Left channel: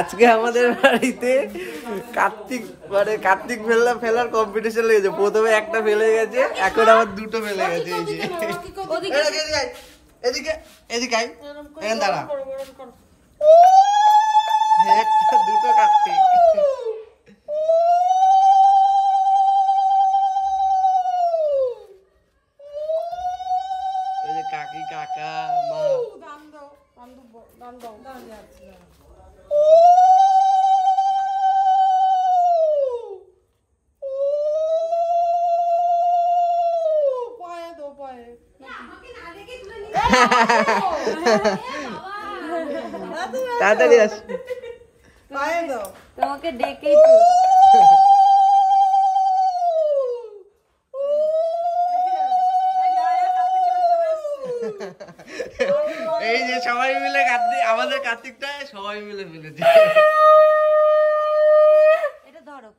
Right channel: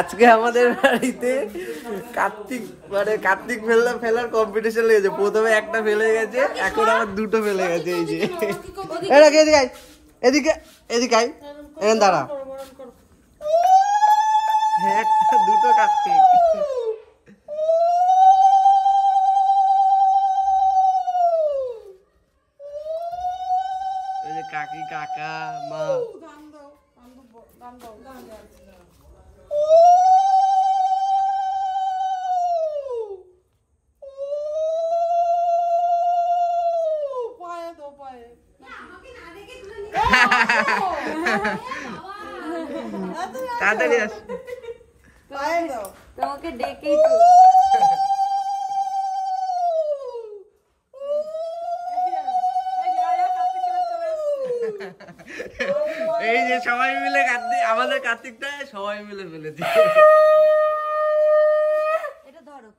আজকে আমাদের বাড়িতে কার্তিক কার্তিক ফেলার কম্পিটিশন লেগেছে। প্রথমে একটা ফেলে গেছে, এখন আবার দুটো ফেলে গেছে। এই যে এদিকে এদিকে আয়, এখানে দাঁড়া। একটা দুটো কার্তিক। ওই যে কাকি কাকা মা তাড়াতাড়ি আস। তোমাকে ডেকেই তো এই যে সবাই মিলে কার্তিক, আমাদের কার্তিকটা সবাই মিলে ফেলেছে। এটা ধরো,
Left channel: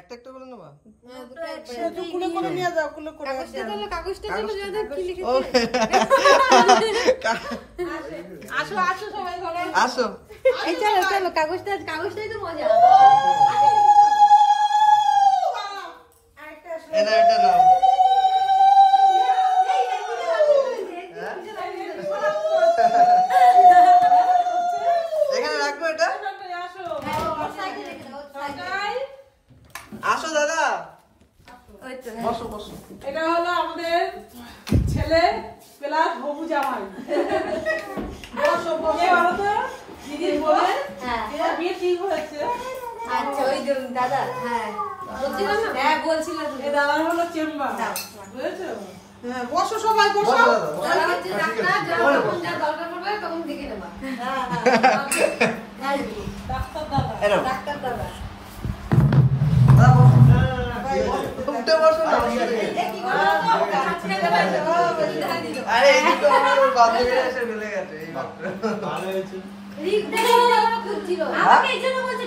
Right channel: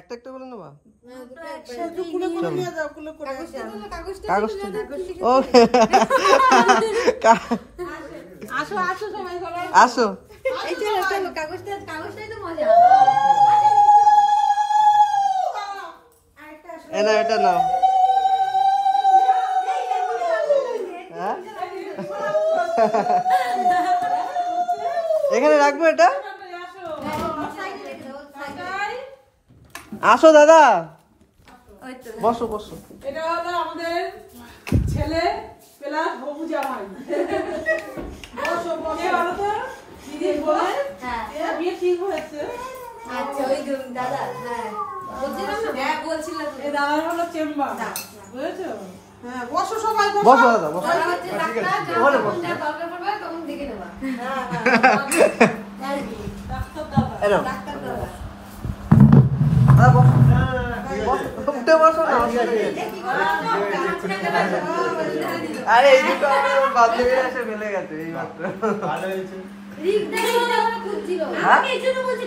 একটা একটা বলে নেবা। আসো এই চলো চলো, কাগজটাই তো মজা। এটা এটা নাও। এখানে রাখবো এটা। আসো দাদা, বসো বসো। এটা হলো আমাদের ছেলে প্লাস হবু জামাই। বসো বসে ভালো তো দিদি বলে এর বিয়ে ঠিক হয়েছে। আচ্ছা ওই দাদা, হ্যাঁ বলছিলাম না, হ্যাঁ বলছিলাম এই দাদার হলো চেম্বার বুঝেছো? হ্যাঁ বসো সবাই বসো। বসো দাদা বসো। যখন যা দরকার পড়বে তখন দেখে নেবা। হ্যাঁ হ্যাঁ ডাক্তার দাদা। এনো ডাক্তার দাদা। দাদা বসো। উঠতে বসো না। আরে এই তো আমার বাথরুমে এসে ফেলে গেছে এই মাত্র। ভালো হয়েছে। রিক দেখে খুঁজছিল, আমাকে এই জন্য বলছে।